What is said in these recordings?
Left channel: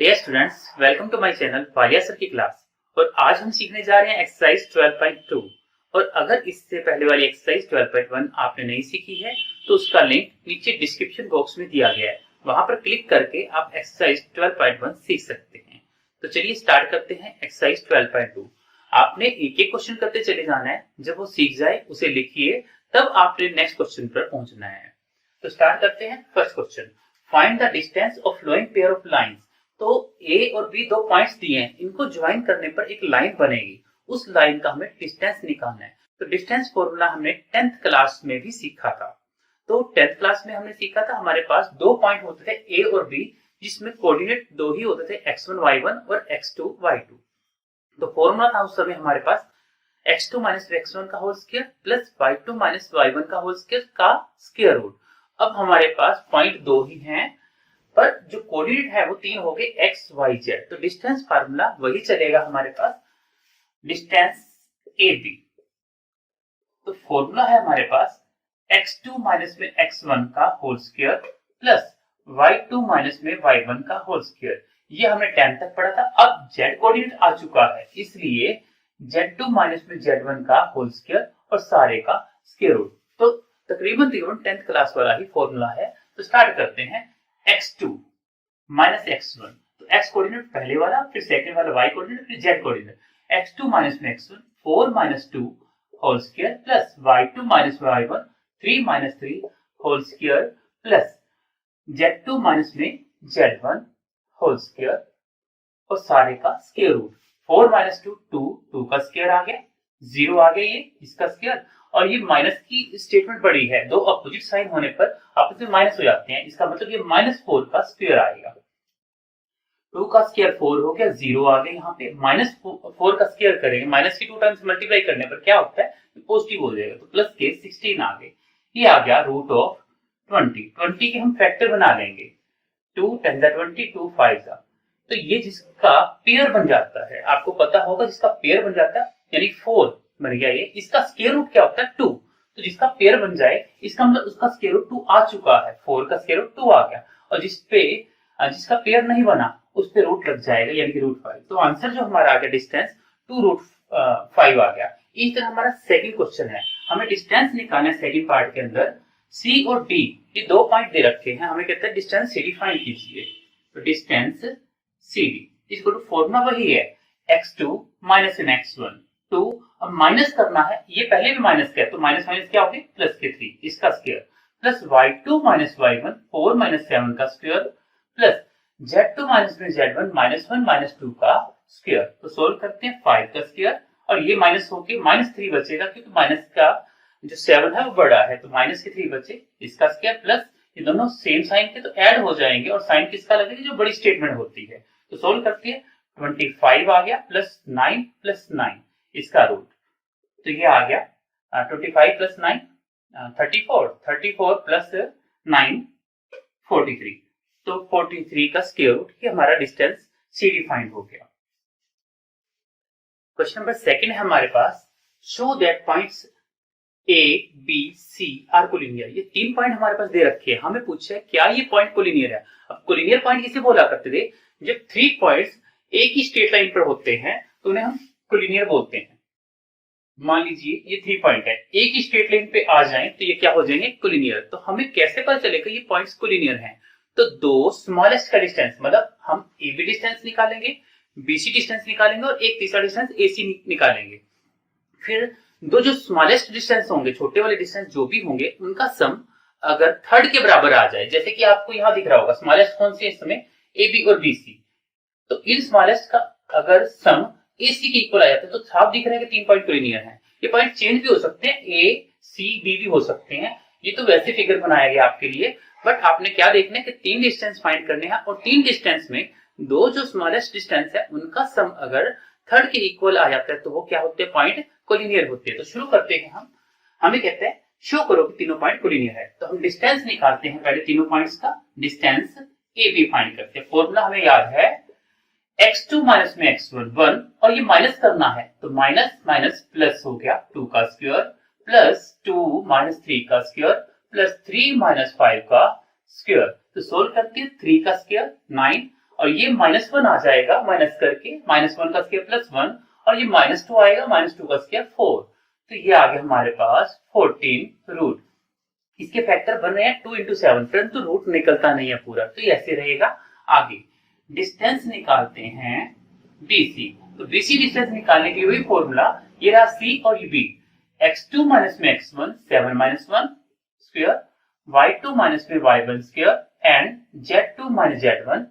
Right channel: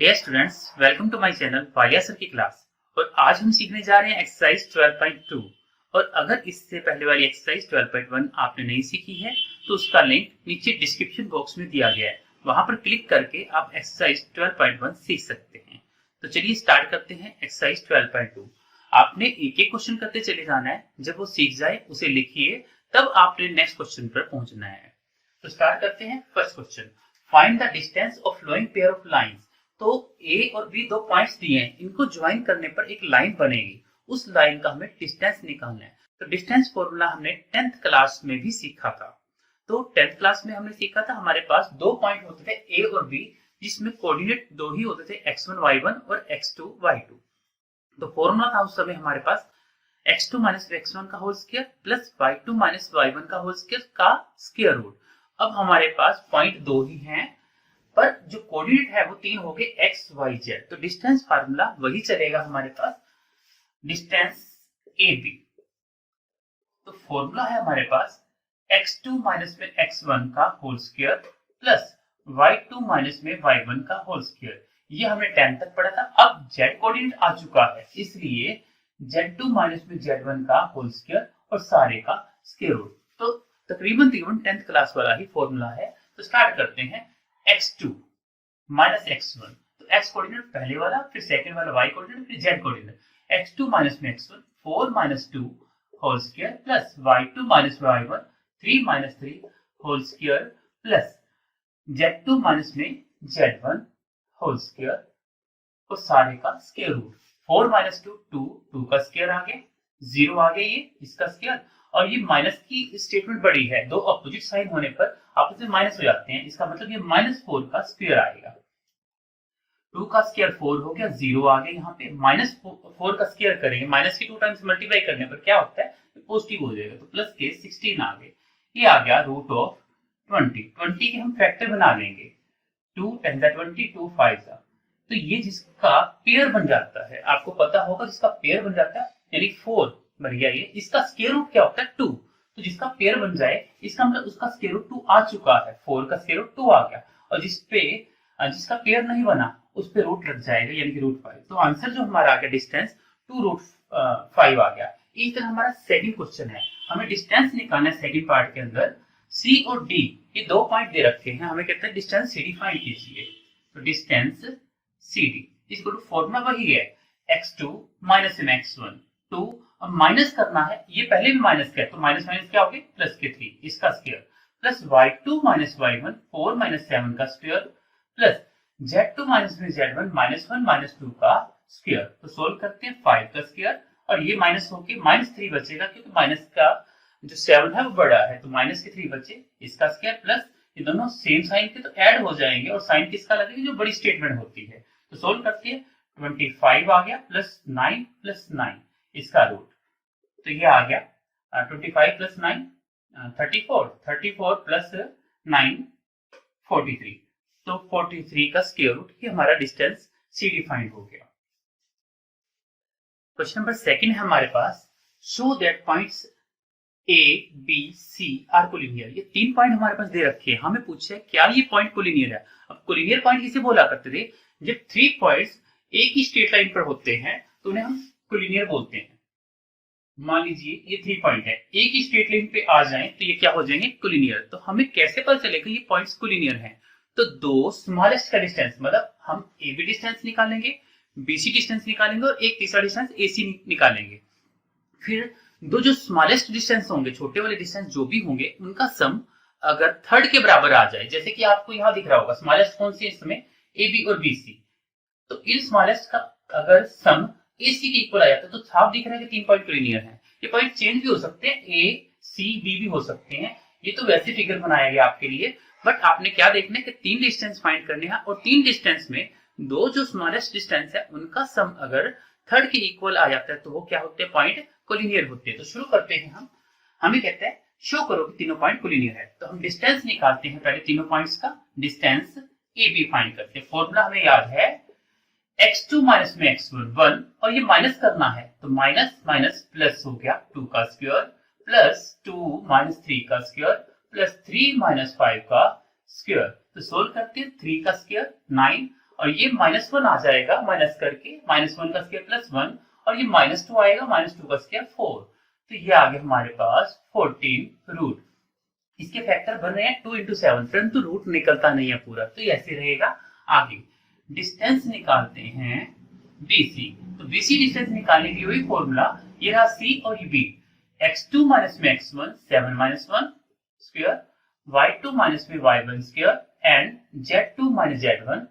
Dear students, welcome to my channel Walia sir की क्लास। और आज हम सीखने जा रहे हैं एक्सरसाइज 12.2। और अगर इससे पहले वाली एक्सरसाइज 12.1 आपने नहीं सीखी है तो उसका लिंक नीचे डिस्क्रिप्शन बॉक्स में दिया गया है, वहां पर क्लिक करके आप एक्सरसाइज 12.1 सीख सकते हैं। तो चलिए स्टार्ट करते हैं एक्सरसाइज 12.2। आपने एक एक क्वेश्चन करते चले जाना है, जब वो सीख जाए उसे लिखिए, तब आपने नेक्स्ट क्वेश्चन पर पहुंचना है। तो स्टार्ट करते हैं। First question, find the distance of following pair of lines. तो ए और बी दो पॉइंट्स दिए हैं, इनको ज्वाइन करने पर एक लाइन बनेगी, उस लाइन का हमें डिस्टेंस निकालना है। तो डिस्टेंस फॉर्मूला हमने 10th क्लास में भी सीखा था। तो 10th क्लास में हमने सीखा था, हमारे पास दो पॉइंट होते थे ए और बी, जिसमें कोऑर्डिनेट दो ही होते थे, x1 y1 और x2 y2। तो फॉर्मूला था उस समय हमारे पास x2 माइनस x1 का whole square plus y2 minus y1 का होल स्क्वायर का स्क्वायर रूट। अब हमारे पास पॉइंट दो ही हैं, पर जो कोऑर्डिनेट है वो तीन हो गए, एक्स वाई जेड। तो डिस्टेंस फार्मूला वही चलेगा हमारे पास, डिस्टेंस ए बी। तो फॉर्मूला है हमारे पास x2 माइनस में x1 का whole square plus y2 minus में y1 का होल स्क्वायर। ये हमने 10 तक पढ़ा था। अब z कोऑर्डिनेट आ चुका है, इसलिए z2 माइनस में z1 का होल स्क्वायर और सारे का स्क्वायर रूट। तो तकरीबन 10th क्लास वाला ही फॉर्मूला है। तो स्टार्ट करते हैं। x2 माइनस x1, तो x कोऑर्डिनेट पहले वाला, फिर सेकंड वाला y कोऑर्डिनेट, फिर z कोऑर्डिनेट। x2 माइनस में x1 4 minus 2 whole square plus y2 minus y1 3 minus 3 whole square plus z2 minus में z1 होल स्क्वायर और सारे का स्क्वायर रूट। 4 माइनस 2 2 का स्क्वायर आ गया, 0 आ गया, ये इसका स्क्वायर। और ये माइनस की स्टेटमेंट बड़ी है, दो अपोजिट साइन होने पर आपस में माइनस हो जाते हैं, इसका मतलब ये -4 का स्क्वायर आएगा। 2 का स्क्वायर 4 हो गया, 0 आ गया, यहाँ पे -4 का स्क्वायर करेंगे, माइनस की 2 टाइम्स मल्टीप्लाई करने पर क्या होता है, पॉजिटिव हो जाएगा। तो प्लस के 16 आ गए, ये आ गया रूट ऑफ 20 के हम फैक्टर बना लेंगे, 2 10 20 2 5 जा। तो ये जिसका पेयर बन जाता है, आपको पता होगा जिसका पेयर बन जाता है, यानी 4 बन गया ये, इसका स्क्वायर रूट क्या होता है 2। तो जिसका पेयर बन जाए, इसका मतलब उसका स्क्वायर रूट 2 आ चुका है, 4 का स्क्वायर रूट 2 आ गया। और जिसका पेयर नहीं बना उस पे रूट लग जाएगा, यानी कि रूट 5। तो आंसर जो हमारा आ गया डिस्टेंस 2 रूट 5 आ गया। इस तरह हमारा सेकंड क्वेश्चन है, हमें डिस्टेंस निकालना है। सेकंड पार्ट के अंदर सी और डी ये दो पॉइंट दे रखे हैं, हमें कहते हैं डिस्टेंस सी डी फाइंड कीजिए। तो डिस्टेंस सी डी इसको फॉर्मूला वही है, x2 माइनस इन x1 2। अब माइनस करना है, ये पहले भी माइनस किया, तो माइनस माइनस क्या हो गया, प्लस के 3 इसका square plus y2 minus y1 4 minus 7 का स्क्वायर प्लस z2 माइनस में z1 -1 माइनस 2 का स्क्वायर। तो सोल्व करते हैं, 5 का स्क्वायर और ये माइनस होके -3 बचेगा, क्योंकि माइनस का जो 7 है वो बड़ा है, तो माइनस के 3 बचे, इसका स्क्वायर प्लस ये दोनों सेम साइन के तो ऐड हो जाएंगे, और साइन किसका लगेगा, जो बड़ी स्टेटमेंट होती है। तो सोल्व करते हैं, 25 आ गया प्लस 9 प्लस 9 इसका रूट। तो ये आ गया 25 प्लस 9 34 प्लस 9 43। तो 43 का स्क्वायर रूट, ये हमारा डिस्टेंस सी डी फाइंड हो गया। क्वेश्चन नंबर सेकंड है हमारे पास, show that points A B C are collinear. ये तीन पॉइंट हमारे पास दे रखे हैं, हमें पूछा है क्या ये पॉइंट कोलिनियर है। अब कोलिनियर पॉइंट किसे बोला करते थे, जब 3 पॉइंट्स एक ही स्ट्रेट लाइन पर होते हैं तो उन्हें हम कोलिनियर बोलते हैं। मान लीजिए ये 3 पॉइंट है, एक ही स्ट्रेट लाइन पे आ जाएं तो ये क्या हो जाएंगे, कोलिनियर। तो हमें कैसे पता चलेगा ये पॉइंट्स कोलिनियर हैं, तो दो स्मॉलेस्ट का डिस्टेंस, मतलब हम ए बी डिस्टेंस निकालेंगे, बीसी डिस्टेंस निकालेंगे और एक तीसरा डिस्टेंस एसी निकालेंगे। फिर दो जो स्मॉलेस्ट डिस्टेंस होंगे, छोटे वाले डिस्टेंस जो भी होंगे, उनका सम अगर थर्ड के बराबर आ जाए, जैसे कि आपको यहां दिख रहा होगा स्मॉलेस्ट कौन सी है इस समय, ए बी और बी सी। तो इन स्मॉलेस्ट का अगर सम एसी के इक्वल आ जाता है तो साफ दिख रहा है कि 3 पॉइंट कोलिनियर हैं। ये पॉइंट चेंज भी हो सकते हैं, ए सी बी भी हो सकते हैं, ये तो वैसे फिगर बनाया गया आपके लिए। बट आपने क्या देखना है कि 3 डिस्टेंस फाइंड करने हैं, और 3 डिस्टेंस में दो जो स्मॉलेस्ट डिस्टेंस है उनका सम अगर थर्ड के इक्वल आ जाता है तो वो क्या होते हैं, पॉइंट कोलिनियर होते हैं। तो शुरू करते हैं हम, हमें कहते हैं शो करो कि तीनों पॉइंट कोलिनियर है। तो हम डिस्टेंस निकालते हैं पहले तीनों पॉइंट्स का, डिस्टेंस ए बी फाइंड करते हैं। फॉर्मूला हमें याद है, x2 माइनस में x1 1, और ये माइनस करना है तो माइनस माइनस प्लस हो गया, 2 का स्क्वायर प्लस 2 माइनस 3 का स्क्वायर प्लस 3 माइनस 5 का स्क्वायर। तो सोल्व करते हैं, 3 का स्क्वायर 9 और ये -1 आ जाएगा माइनस करके, -1 का स्क्वायर +1, और ये -2 आएगा, -2 का स्क्वायर 4। तो ये आ गया हमारे पास 14 रूट। इसके फैक्टर बन रहे हैं 2 × 7, परंतु रूट निकलता नहीं है पूरा, तो ये ऐसे रहेगा। आगे डिस्टेंस निकालते हैं BC। तो BC डिस्टेंस निकालने के लिए वही फॉर्मूला, ये रहा C और ये B। x2 माइनस में x1 7 minus 1 square, y2 minus में y1 square and z2 minus z1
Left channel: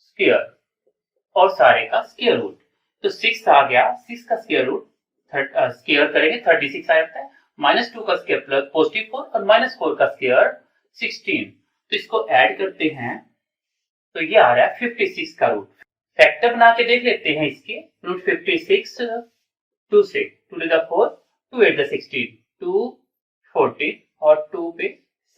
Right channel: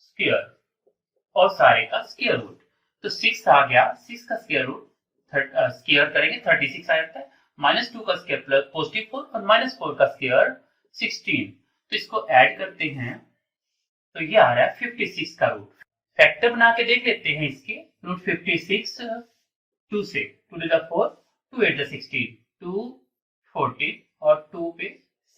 square, और सारे का स्क्वायर रूट। तो 6 आ गया, 6 का स्क्वायर रूट स्क्वायर करेंगे 36 आ जाता है, -2 का स्क्वायर प्लस +4 और -4 का स्क्वायर 16। तो इसको ऐड करते हैं तो ये आ रहा है 56 का रूट। फैक्टर बना के देख लेते हैं इसके। रूट 56 2 से 2 to the 4, 2 8 the 16, 2 14 और 2 पे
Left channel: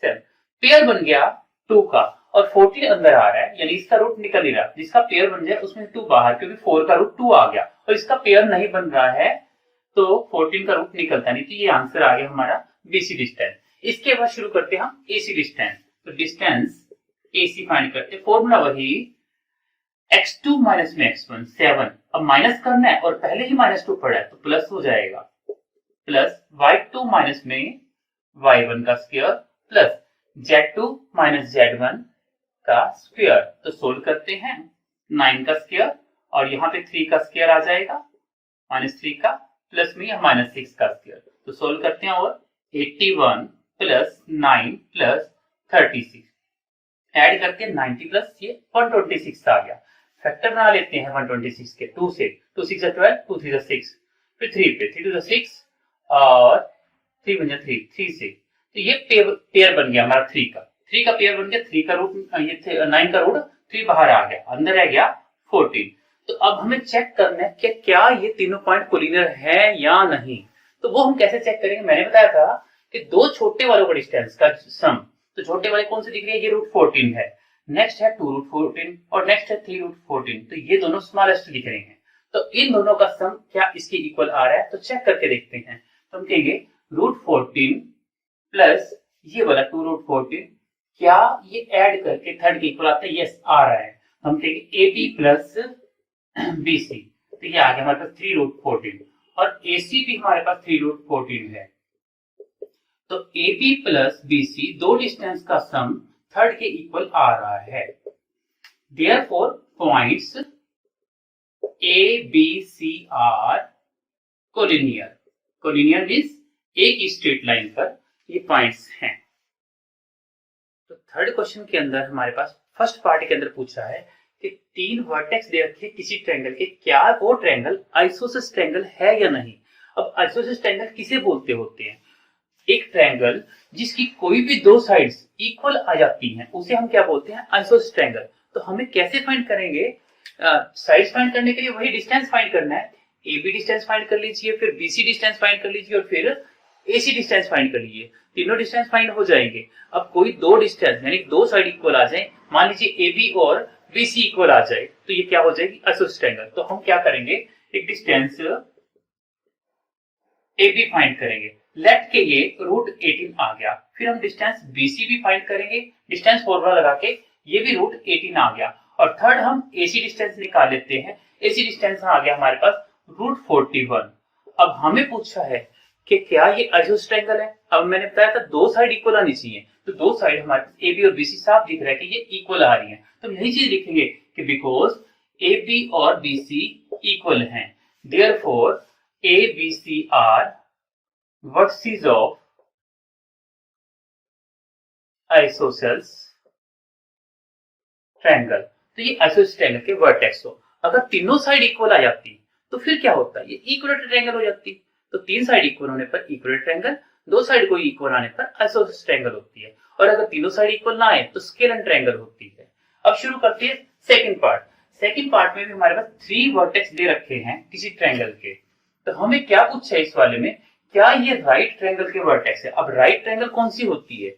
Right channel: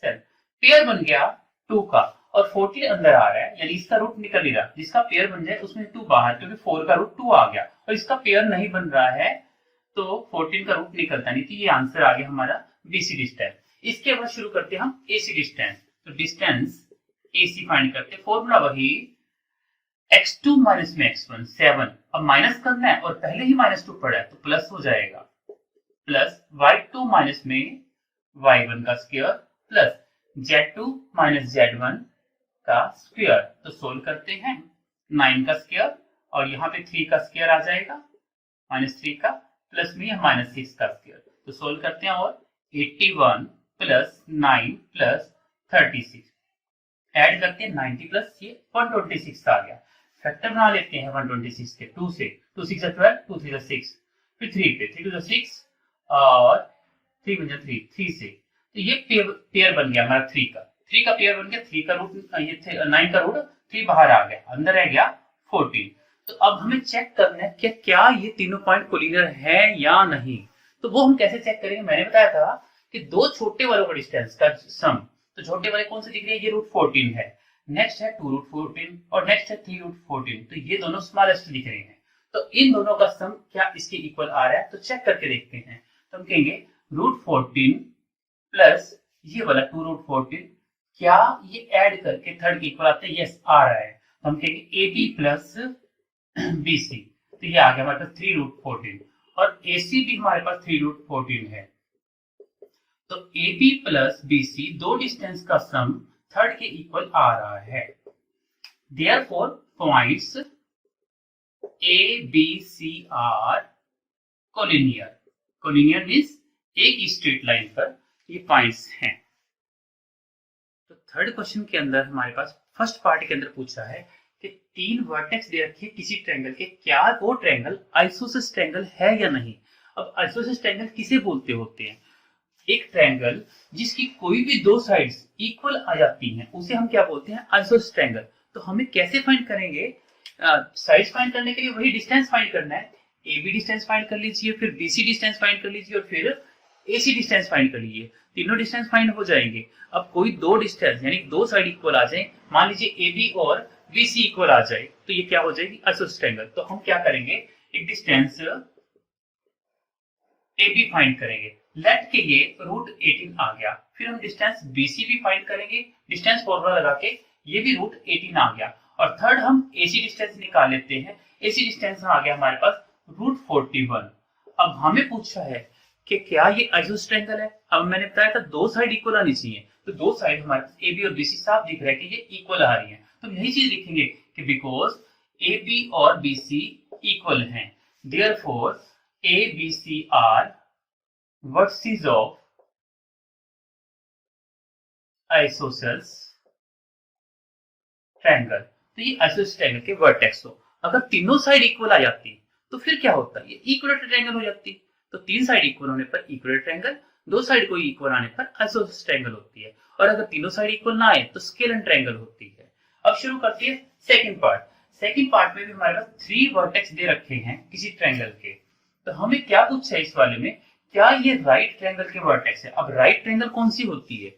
7। पेयर बन गया 2 का और 14 अंदर आ रहा है, यानी इसका रूट निकल नहीं रहा। जिसका पेयर बन जाए उसमें 2 बाहर, क्योंकि 4 का रूट 2 आ गया और इसका पेयर नहीं बन रहा है तो 14 का रूट निकलता नहीं। तो ये आंसर आ गया हमारा BC डिस्टेंस। इसके बाद शुरू करते हैं हम AC डिस्टेंस। तो डिस्टेंस AC फाइंड करते हैं, फॉर्मूला वही x2 माइनस में x1 7। अब माइनस करना है और पहले ही -2 पड़ा है तो प्लस हो जाएगा, प्लस y2 माइनस में y1 का square plus z2 minus z1 का स्क्वायर। तो सोल्व करते हैं, 9 का स्क्वायर और यहाँ पे 3 का स्क्वायर आ जाएगा, -3 का प्लस में -6 का स्क्वायर। तो सोल्व करते हैं और 81 प्लस 9 प्लस 36 ऐड करके 90 प्लस ये 126 आ गया। फैक्टर बना लेते हैं 126 के, 2 से 2 6 12, 2 3 6, फिर 3 पे 3 2 6 और 3 बन गया 3 से। तो ये पेयर बन गया हमारा 3 का पेयर बन गया। 3 का रूट ये 9 का रूट 3 बाहर आ गया, अंदर रह गया 14। तो अब हमें चेक करना है कि क्या ये तीनों पॉइंट कोलिनियर है या नहीं। तो वो हम कैसे चेक करेंगे, मैंने बताया था कि दो छोटे वालों का डिस्टेंस का सम। तो छोटे वाले कौन से दिख रहे हैं, ये √14 है, नेक्स्ट है 2√14 और नेक्स्ट है 3√14। तो ये दोनों स्मॉलेस्ट दिख रहे हैं। तो इन दोनों का सम क्या इसके इक्वल आ रहा है, तो चेक करके देखते हैं। तो हम कहेंगे √14 प्लस ये वाला 2√14, क्या ये ऐड करके थर्ड के इक्वल आता है, यस आ रहा है। तो हम कहेंगे AB प्लस BC। तो ये आ गया हमारे पास 3√14 और AC भी हमारे पास 3√14 है। तो AB प्लस BC दो डिस्टेंस का सम थर्ड के इक्वल आ रहा है। Therefore points ABC are collinear। collinear means एक स्ट्रेट लाइन पर ये पॉइंट्स हैं। तो थर्ड क्वेश्चन के अंदर हमारे पास फर्स्ट पार्ट के अंदर पूछा है कि 3 वर्टेक्स दे रखे किसी ट्रायंगल के, क्या वो ट्रायंगल आइसोसेलेस ट्रायंगल है या नहीं। अब आइसोसेलेस ट्रायंगल किसे बोलते होते हैं, एक ट्रायंगल जिसकी कोई भी दो साइड्स इक्वल आ जाती हैं उसे हम क्या बोलते हैं, आइसोसेलेस ट्रायंगल। तो हमें कैसे फाइंड करेंगे, साइड्स फाइंड करने के लिए वही डिस्टेंस फाइंड करना है। AB डिस्टेंस फाइंड कर लीजिए, फिर BC डिस्टेंस फाइंड कर लीजिए और फिर AC डिस्टेंस फाइंड कर लीजिए। तीनों डिस्टेंस फाइंड हो जाएंगे। अब कोई दो डिस्टेंस यानी दो साइड इक्वल आ जाए, मान लीजिए AB और BC इक्वल आ जाए, तो ये क्या हो जाएगी, आइसोसेलेस ट्रायंगल। तो हम क्या करेंगे, एक डिस्टेंस AB फाइंड करेंगे, लेट के ये √18 आ गया। फिर हम डिस्टेंस BC भी फाइंड करेंगे, डिस्टेंस फॉर्मूला लगा के ये भी √18 आ गया। और थर्ड हम AC डिस्टेंस निकाल लेते हैं। AC डिस्टेंस आ गया हमारे पास √41। अब हमें पूछा है कि क्या ये आइसोसेलेस ट्रायंगल है। अब मैंने बताया था दो साइड इक्वल आनी चाहिए, तो दो साइड हमारे पास AB और BC साफ दिख रहा है कि ये इक्वल आ रही है। तो हम यही चीज लिखेंगे कि बिकॉज AB और BC इक्वल हैं, therefore ABC are vertices of isosceles triangle. तो ये आइसोसेलेस ट्रायंगल के वर्टेक्स हो। अगर तीनों साइड इक्वल आ जाती तो फिर क्या होता है, ये इक्विलेटरल ट्रायंगल हो जाती। तो तीन साइड इक्वल होने पर इक्विलेटरल ट्रायंगल, दो साइड कोई इक्वल आने पर आइसोसेलेस ट्रायंगल होती है। और अगर तीनों साइड इक्वल ना आए तो स्केलर ट्रायंगल होती है। अब शुरू करते हैं सेकंड पार्ट। सेकंड पार्ट में भी हमारे पास 3 वर्टेक्स दे रखे हैं किसी ट्रायंगल के। तो हमें क्या पूछा है इस वाले में, क्या ये राइट ट्रायंगल के वर्टेक्स है। अब राइट ट्रायंगल कौन सी होती है,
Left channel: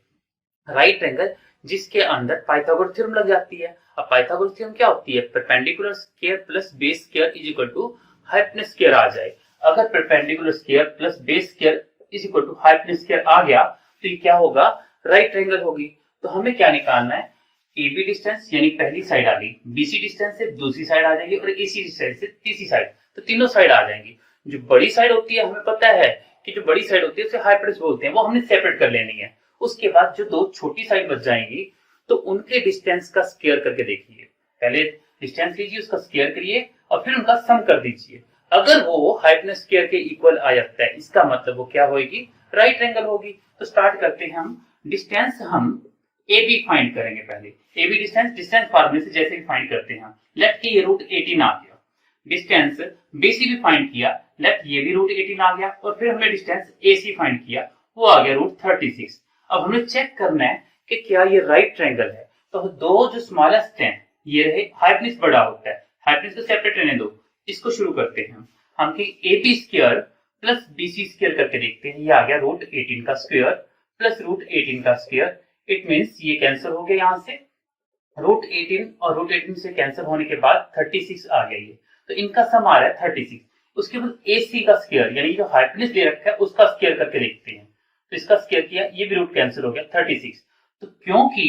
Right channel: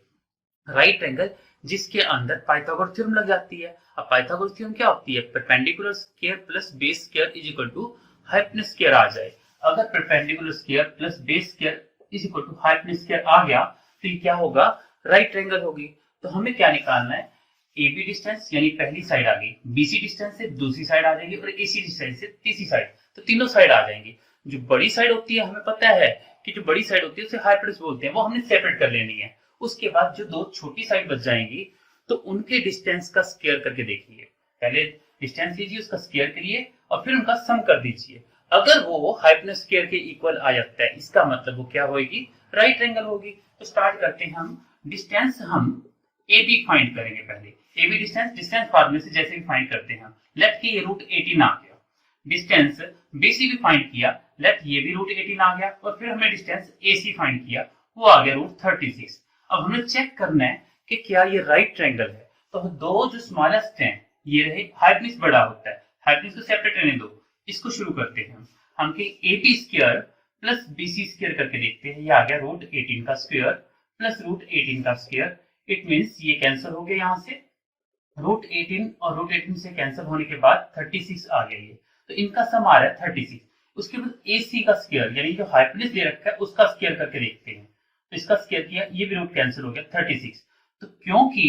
राइट ट्रायंगल जिसके अंदर पाइथागोरस थ्योरम लग जाती है। अब पाइथागोरस थ्योरम क्या होती है, perpendicular square plus base square is equal to hypotenuse square आ जाए। अगर perpendicular square plus base square is equal to hypotenuse square आ गया तो ये क्या होगा, राइट ट्रायंगल होगी। तो हमें क्या निकालना है, AB डिस्टेंस यानी पहली साइड आ गई, BC डिस्टेंस से दूसरी साइड आ जाएगी और AC डिस्टेंस से तीसरी साइड, तो तीनों साइड आ जाएंगी। जो बड़ी साइड होती है हमें पता है कि जो बड़ी साइड होती है उसे हाइपोटेन्यूज बोलते हैं, वो हमने सेपरेट कर लेनी है। उसके बाद जो दो छोटी साइड बच जाएंगी तो उनके डिस्टेंस का स्क्वायर करके देखिए। पहले डिस्टेंस लीजिए, उसका स्क्वायर करिए और फिर उनका सम कर दीजिए। अगर वो हाइपोटेन्यूज स्क्वायर के इक्वल आ जाता है, इसका मतलब वो क्या होगी, राइट ट्रायंगल होगी। तो स्टार्ट करते हैं हम। डिस्टेंस हम AB फाइंड करेंगे। पहले AB डिस्टेंस फॉर्मूले से जैसे भी फाइंड करते हैं, लेफ्ट के ये रूट 18 आ गया। डिस्टेंस BC भी फाइंड किया, लेफ्ट ये भी रूट 18 आ गया और फिर हमने डिस्टेंस AC फाइंड किया, वो आ गया रूट 36। अब हमें चेक करना है कि क्या ये राइट ट्रायंगल है। तो दो जो स्मॉलेस्ट हैं ये रहे, हाइपोटेन्यूज बड़ा होता है, हाइपोटेन्यूज को सेपरेट रहने दो। इसको शुरू करते हैं हम कि AB square plus BC square करके देखते हैं। ये आ गया रूट 18 का स्क्वायर प्लस रूट 18 का स्क्वायर। इट मीन्स ये कैंसिल हो गया, यहाँ से रूट 18 और रूट 18 से कैंसिल होने के बाद 36 आ गया ये, तो इनका सम आ रहा है 36। उसके बाद AC का स्क्वायर यानी जो हाइपोटेन्यूज दे रखा है उसका स्क्वायर करके देखते हैं। तो इसका स्क्वायर किया, ये भी रूट कैंसिल हो गया 36। तो क्योंकि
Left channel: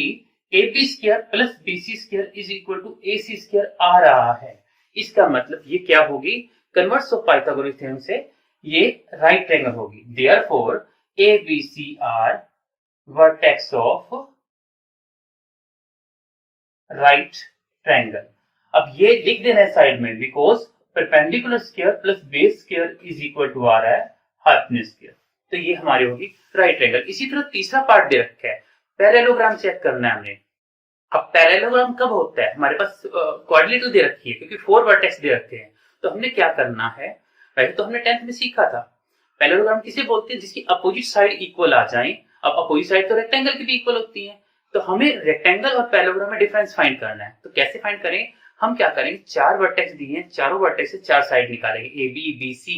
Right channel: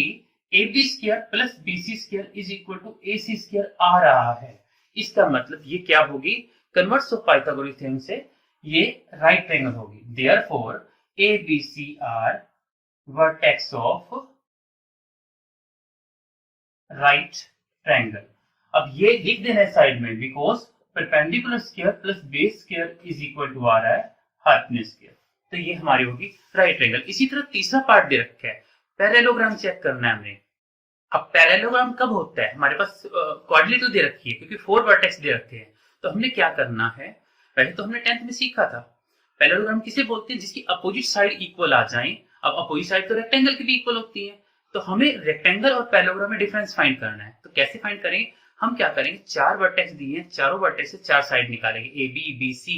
AB square plus BC square is equal to AC square आ रहा है, इसका मतलब ये क्या होगी, कन्वर्स ऑफ पाइथागोरस थ्योरम से ये राइट ट्रायंगल होगी। Therefore ABC are vertex of right triangle. अब ये लिख देना है साइड में, because perpendicular square plus base square is equal to आ रहा है हाइपोटेन्यूज स्क्वायर। तो ये हमारी होगी राइट ट्रायंगल। इसी तरह तीसरा पार्ट दे रखा है, पैरेललोग्राम चेक करना है हमने। अब पैरेललोग्राम कब होता है, हमारे पास कोऑर्डिनेटर दे रखी है क्योंकि 4 वर्टेक्स दे रखे हैं। तो हमने क्या करना है, पहले तो हमने 10th में सीखा था पैरेललोग्राम किसे बोलते हैं, जिसकी अपोजिट साइड इक्वल आ जाए। अब अपोजिट साइड तो रेक्टेंगल की भी इक्वल होती है, तो हमें रेक्टेंगल और पैरेललोग्राम में डिफरेंस फाइंड करना है। तो कैसे फाइंड करें, हम क्या करेंगे, 4 वर्टेक्स दिए हैं, चारों वर्टेक्स से 4 साइड निकालेंगे, AB BC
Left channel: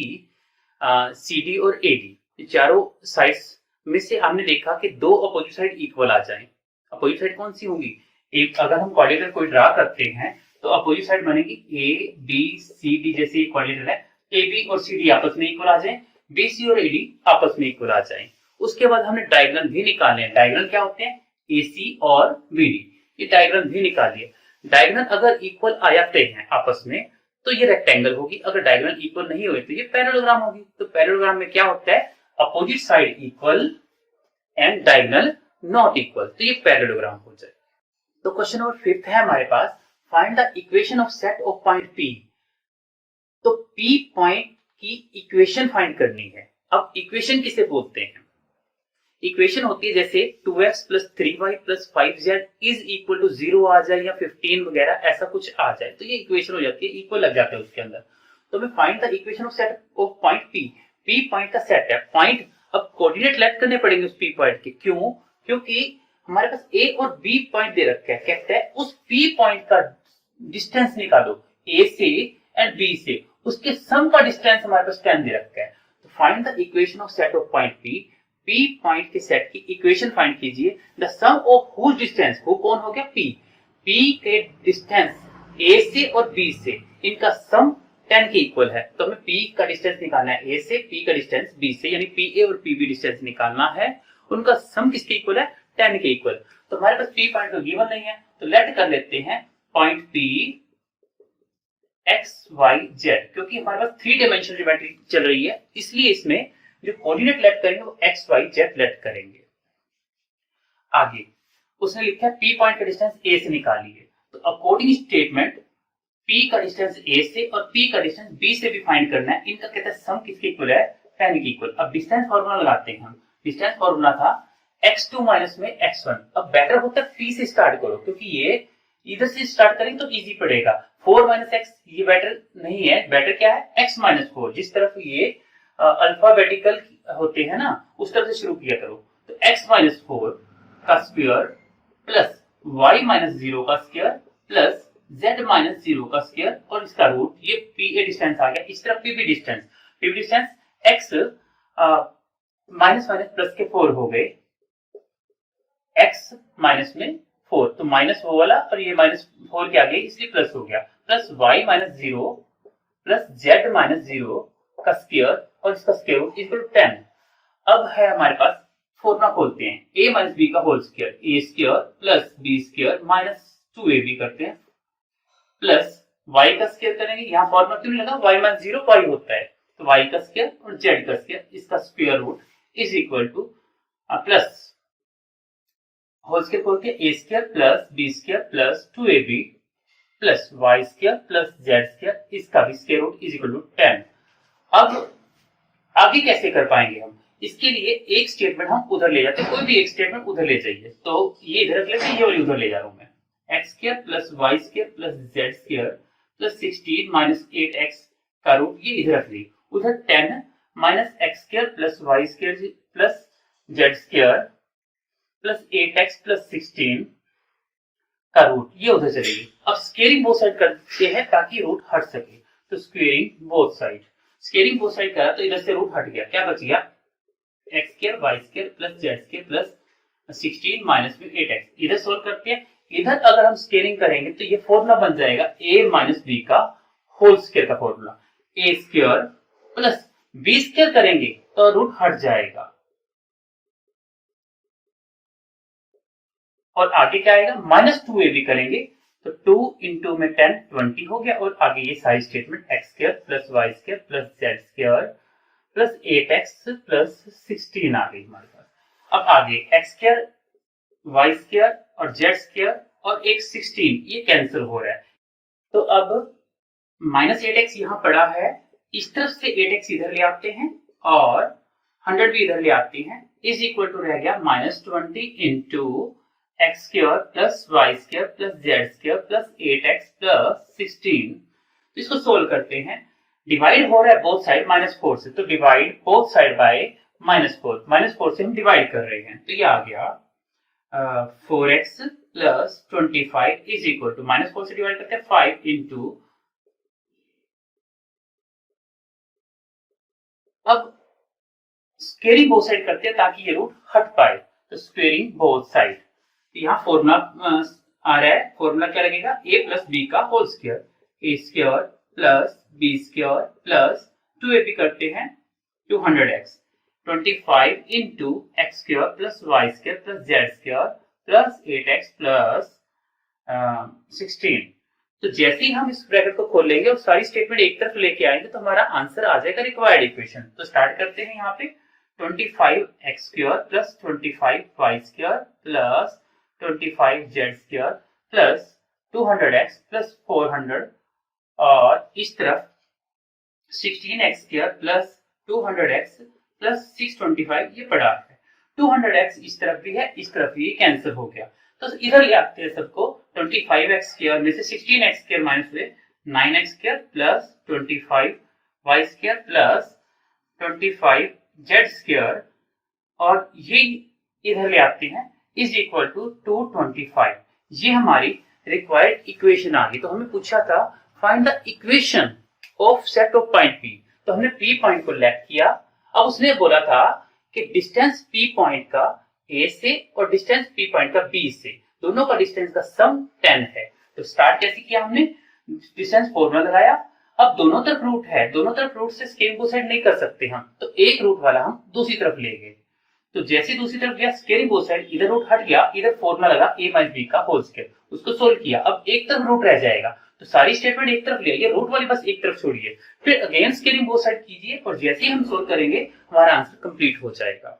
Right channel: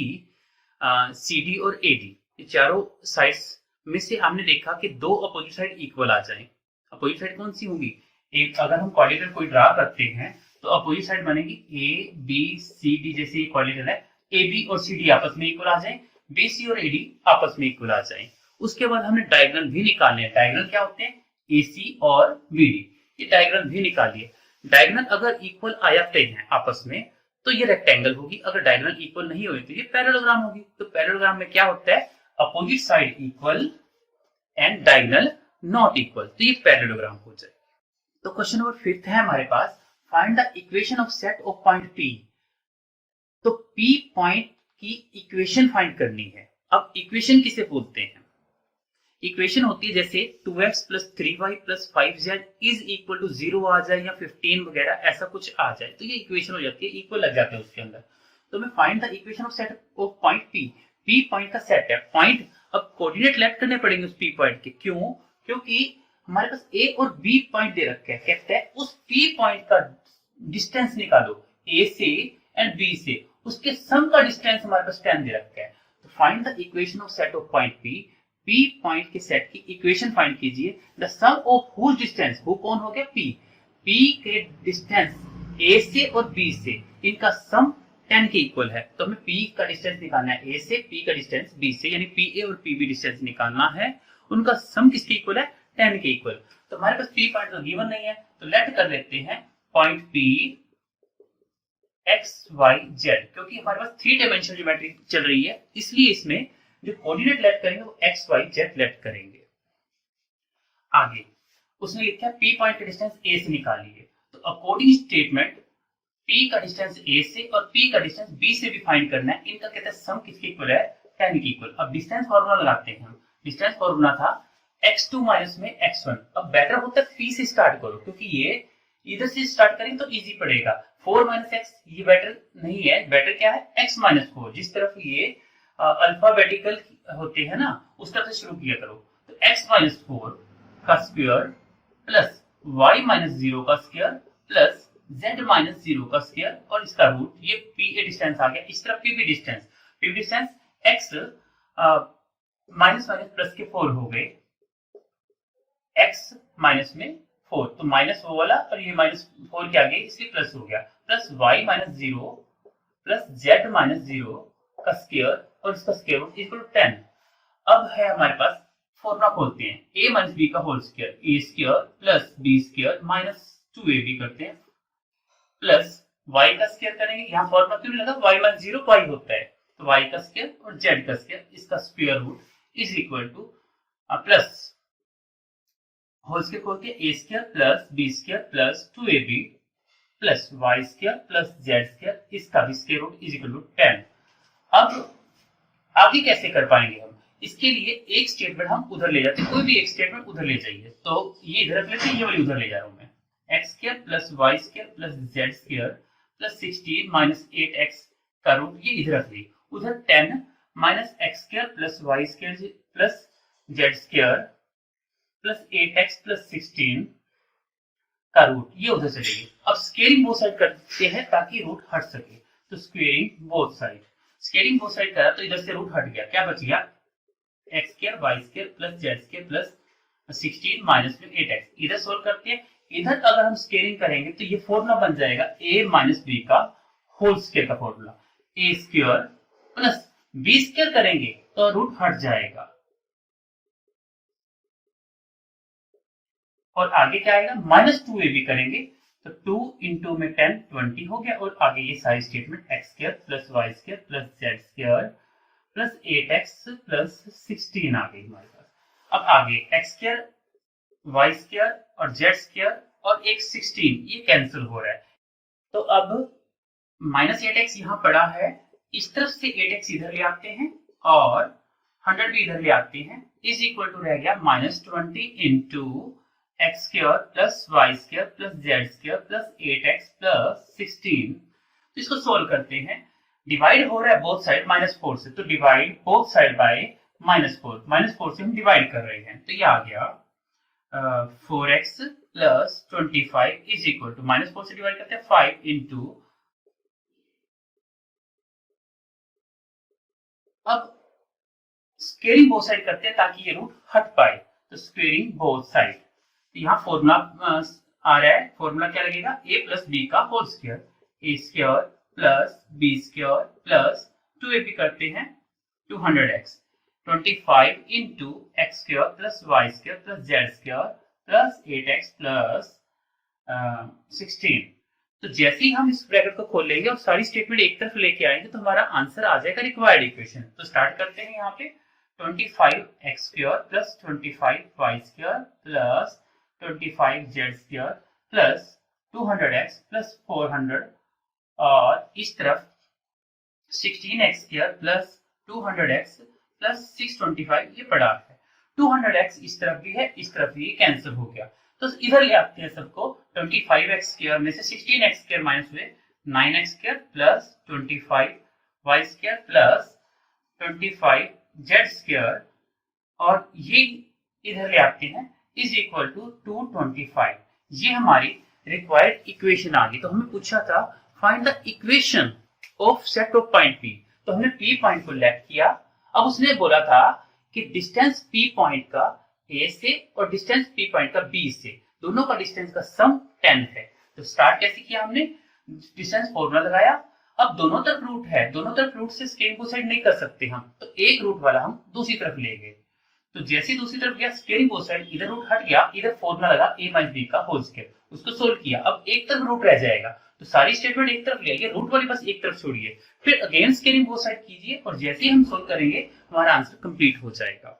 CD और AD। ये चारों साइड्स में से हमने देखा कि दो अपोजिट साइड इक्वल आ जाए। अपोजिट साइड कौन सी होंगी, एक अगर हम कोऑर्डिनेटर कोई ड्रा करते हैं तो अपोजिट साइड बनेगी ABCD, जैसे कोऑर्डिनेटर है AB और CD आपस में इक्वल आ जाए, BC और AD आपस में इक्वल आ जाए। उसके बाद हमने डायगोनल भी निकालने हैं। डायगोनल क्या होते हैं, AC और BD, ये डायगोनल भी निकालिए। डायगोनल अगर इक्वल आ जाते हैं आपस में तो ये रेक्टेंगल होगी, अगर डायगोनल इक्वल नहीं हुए तो ये पैरेललोग्राम होगी। तो पैरेललोग्राम में क्या होता है, opposite side equal and diagonal not equal, तो ये पैरेललोग्राम हो जाए। तो क्वेश्चन नंबर 5 है हमारे पास, find the equation of set of point P। तो P पॉइंट की इक्वेशन फाइंड करनी है। अब इक्वेशन किसे बोलते हैं, इक्वेशन होती है जैसे 2x plus 3y plus 5z is equal to 0 आ जाए या 15 वगैरह ऐसा कुछ आ जाए, तो ये इक्वेशन हो जाती है, इक्वल लग जाता है उसके अंदर। तो मैं find the equation of set of point P point का सेट है। पॉइंट अब कोऑर्डिनेट लेफ्ट करने पड़ेंगे उस P पॉइंट के, क्यों, क्योंकि हमारे पास A और B पॉइंट दे रखा है। कहता है उस P पॉइंट का डिस्टेंस निकालो A से एंड B से, उसके सम का डिस्टेंस हमारे पास 10 दे रखा है। तो find the equation of set of point P point के सेट की इक्वेशन फाइंड कीजिए। The sum of whose distance, who कौन हो गया P के डिस्टेंस A से और B से, इनका सम 10 के इक्वल है। तो हमें P का डिस्टेंस निकालना है A से, P का डिस्टेंस B से, यानी PA और PB डिस्टेंस निकालना है। उनका सम किसके इक्वल है, 10 के इक्वल। तो हमारे पास P पॉइंट तो गिवन नहीं है, तो लेट कर लेते हैं पॉइंट P XYZ, क्योंकि हमारे पास 3 डायमेंशनल ज्योमेट्री चल रही है, इसलिए इसमें जो कोऑर्डिनेट लेट करेंगे वो XYZ लेट करेंगे। आगे उसने लिखा है P पॉइंट का डिस्टेंस A से निकालिए। तो अकॉर्डिंग स्टेटमेंट P का डिस्टेंस A से और P का डिस्टेंस B से भी फाइंड करना है। इनका कहता है सम किसके इक्वल है, 10 के इक्वल। अब डिस्टेंस फॉर्मूला लगाते हैं हम। डिस्टेंस फॉर्मूला था x2 माइनस में x1। अब बेटर होता है P से स्टार्ट करो, क्योंकि ये इधर से स्टार्ट करेंगे तो इजी पड़ेगा। 4 माइनस एक्स ये बेटर नहीं है, बेटर क्या है x माइनस 4। जिस तरफ ये अल्फाबेटिकल होते हैं ना, उस तरफ से शुरू किया करो। तो x माइनस 4 का स्क्वायर प्लस y माइनस 0 का स्क्वायर प्लस z माइनस 0 का स्क्वायर और इसका रूट, ये PA डिस्टेंस आ गया। इस तरफ PB distance x minus minus plus के 4 हो गए, x माइनस में 4, तो माइनस वो वाला और ये माइनस 4 के आगे इसलिए प्लस हो गया, plus y minus 0 plus z minus 0 का स्क्वायर और इसका स्क्वायर रूट इक्वल टू 10। अब है हमारे पास फॉर्मूला खोलते हैं, a माइनस बी का whole square, a square plus b square minus 2ab करते हैं, प्लस y का स्क्वायर करेंगे। यहाँ फॉर्मूला क्यों नहीं लगा, y माइनस 0 y होता है, तो y का स्क्वायर और z का स्क्वायर, इसका square root is equal to plus whole square खोल के a square plus b square plus 2ab प्लस y square plus z square, इसका भी square root is equal to 10। अब आगे कैसे कर पाएंगे हम, इसके लिए एक स्टेटमेंट हम उधर ले जाते हैं, कोई भी एक स्टेटमेंट उधर ले जाइए। तो ये इधर रख लेते हैं, ये वाली उधर ले जा रहा हूं मैं, x square plus y square plus z square plus 16 minus 8x का रूट ये इधर रख ली, उधर 10 minus x square plus y square plus z square plus 8x plus 16 का रूट ये उधर चलेगी। अब स्क्वेयरिंग बोथ साइड करते हैं ताकि रूट हट सके, तो squaring both side, squaring both side करा तो इधर से रूट हट गया, क्या बच गया, x square y square plus z square plus 16 minus में 8x। इधर सोल्व करते हैं, इधर अगर हम स्क्वेयरिंग करेंगे तो ये फॉर्मूला बन जाएगा a माइनस बी का होल स्क्वायर का formula, a square plus b square करेंगे तो रूट हट जाएगा, और आगे क्या आएगा, माइनस 2ab करेंगे तो 2 इंटू में 10 20 हो गया, और आगे ये सारी statement x square plus y square plus z square plus 8x plus 16 आ गई हमारे पास। अब आगे एक्स स्क्वायर वाई स्क्वायर और जेड स्क्वायर और एक 16 ये कैंसिल हो रहा है, तो अब माइनस 8x यहाँ पड़ा है, इस तरफ से 8x इधर ले आते हैं और 100 भी इधर ले आते हैं, इज इक्वल टू रह गया minus 20 into x square plus y square plus z square plus 8x plus 16। तो इसको सोल्व करते हैं, डिवाइड हो रहा है बोथ साइड -4 से, तो डिवाइड बोथ साइड बाय -4, -4 से हम डिवाइड कर रहे हैं, तो ये आ गया 4x plus 25 is equal to -4 से डिवाइड करते हैं 5 इंटू, अब स्क्वेयरिंग बोथ साइड करते हैं ताकि ये रूट हट पाए, तो स्क्वेयरिंग बोथ साइड, यहाँ फॉर्मूला आ रहा है, फॉर्मूला क्या लगेगा, a प्लस बी का whole square, a square plus b square plus 2ab करते हैं 200x, 25 into x square plus y square plus z square plus 8x plus 16। तो जैसे ही हम इस ब्रैकेट को खोल लेंगे और सारी स्टेटमेंट एक तरफ लेके आएंगे तो हमारा आंसर आ जाएगा रिक्वायर्ड इक्वेशन। तो स्टार्ट करते हैं यहाँ पे 25x square plus 25y square plus 25z square plus 200x plus 400, और इस तरफ 16x square plus 200x plus 625 ये पड़ा है, 200x इस तरफ भी है, इस तरफ भी कैंसिल हो गया, तो इधर ले आते हैं सबको, 25x स्क्वायर में से 16x स्क्वायर माइनस हुए 9x square plus 25y square plus 25z square, और ये इधर ले आते हैं इज इक्वल टू 225। ये हमारी रिक्वायर्ड इक्वेशन आ गई। तो हमें पूछा था find the equation of set of point P, तो हमने P पॉइंट को लेफ्ट किया। अब उसने बोला था कि डिस्टेंस P पॉइंट का A से और डिस्टेंस P पॉइंट का B से, दोनों का डिस्टेंस का सम 10 है। तो स्टार्ट कैसे किया हमने, डिस्टेंस फॉर्मूला लगाया, अब दोनों तरफ रूट है, दोनों तरफ रूट से स्केलिंग बोथ साइड नहीं कर सकते हम, तो एक रूट वाला हम दूसरी तरफ ले गए। तो जैसे दूसरी तरफ गया स्केलिंग बोथ साइड, इधर रूट हट गया, इधर फॉर्मूला लगा a माइनस बी का होल स्क्वायर, उसको सोल्व किया, अब एक तरफ रूट रह जाएगा, तो सारी स्टेटमेंट एक तरफ ले आइए, रूट वाली बस एक तरफ छोड़िए, फिर अगेन स्केलिंग बोथ साइड कीजिए, और जैसे ही हम सोल्व करेंगे हमारा आंसर कंप्लीट हो जाएगा।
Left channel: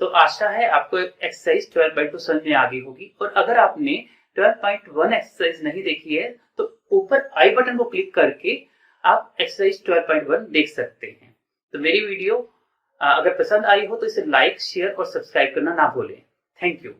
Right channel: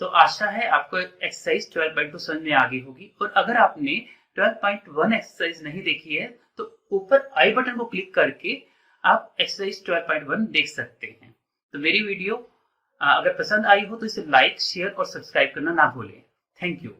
तो आशा है आपको एक्सरसाइज 12/2 समझ में आ गई होगी, और अगर आपने 12.1 एक्सरसाइज नहीं देखी है तो ऊपर आई बटन को क्लिक करके आप एक्सरसाइज 12.1 देख सकते हैं। तो मेरी वीडियो अगर पसंद आई हो तो इसे लाइक, शेयर और सब्सक्राइब करना ना भूलें। Thank you.